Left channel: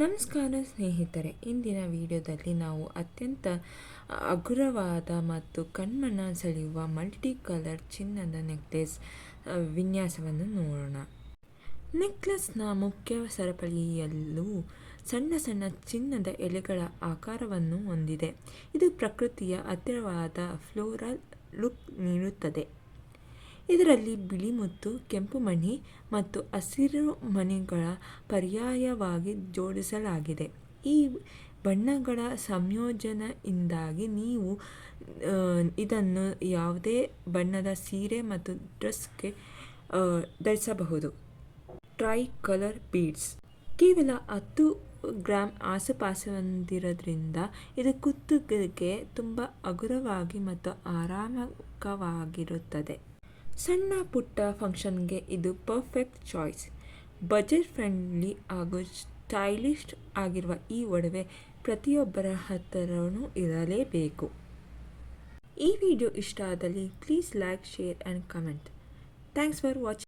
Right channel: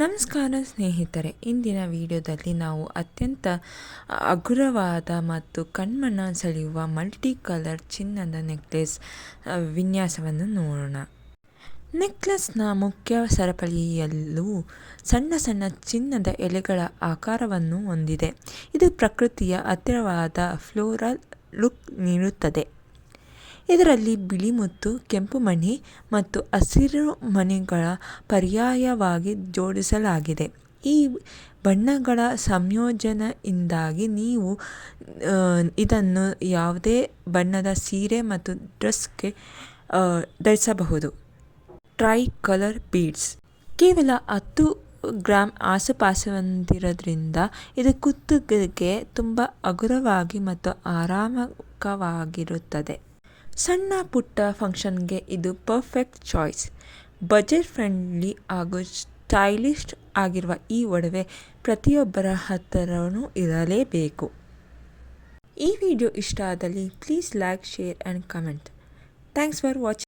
ನಮಸ್ಕಾರ ಸ್ನೇಹಿತರೆ, ಇಂದಿನ ವಿಡಿಯೋದಲ್ಲಿ ನಾವು ಅತ್ಯಂತ ಹಗುರವಾದ ಮತ್ತು ಕಣ್ಮನ ಸೆಳೆಯುವ ಮಲ್ಟಿ ಕಲರ್ ಚಿನ್ನದ ನೆಕ್ಲೆಸ್ ವಿನ್ಯಾಸವನ್ನು ನೋಡೋಣ. ನೆಕ್ಲೆಸ್ನ ಮುಖ್ಯ ಸರಪಳಿಯಲ್ಲೂ ಸಣ್ಣ ಸಣ್ಣ ಚಿನ್ನದ ಎಲೆಗಳ ಆಕಾರವನ್ನು ಹೊಂದಿದೆ. ಇದು ಪ್ರಕೃತಿಯ ಹತ್ತಿರವಾದ ಫ್ಲೋರಲ್ ಲುಕ್ ನೀಡುತ್ತದೆ. ಇದರಲ್ಲಿ ಬಿಳಿ ಮುತ್ತು, ಕೆಂಪು ಮಣಿ ಮತ್ತು ಹಸಿರು ಮಣಿಗಳ ಪರ್ಯಾಯವಾಗಿ ಜೋಡಿಸಲಾಗಿದೆ. ಈ ಬಣ್ಣಗಳ ಸಂಯೋಜನೆಯಿಂದಾಗಿ ನೀವು ಇದನ್ನು ಯಾವುದೇ ಬಣ್ಣದ ಸೀರೆ ಮತ್ತು ಡ್ರೆಸ್ಗೆ ಧರಿಸಬಹುದು. ಟ್ರೈ ಕಲರ್ ಬೀಡ್ಸ್ ಕೇವಲ 10 ಗ್ರಾಂ ಆಸುಪಾಸಿನಲ್ಲಿರೋದ್ರಿಂದ ಇದು ಕುತ್ತಿಗೆಗೆ ತುಂಬ ಹಗುರವಾಗಿ ಮತ್ತು ಆರಾಮಕವಾಗಿರುತ್ತದೆ. ಸಣ್ಣ ಪುಟ್ಟ ಫಂಕ್ಷನ್ಗೆ ಇದು ಪರ್ಫೆಕ್ಟ್ ಚಾಯ್ಸ್. ಬಜೆಟ್ ಫ್ರೆಂಡ್ಲಿ ಹಾಗೂ ಸ್ಟೈಲಿಶ್ ಆಗಿರುವ ಈ ಒಡವೆ ಪ್ರತಿಯೊಬ್ಬರ ಹತ್ತಿರನೂ ಇರಲೇಬೇಕು. ಈ ವಿಡಿಯೋ ಇಷ್ಟ ಆದಲ್ಲಿ please like, share and comment. Thanks for watching.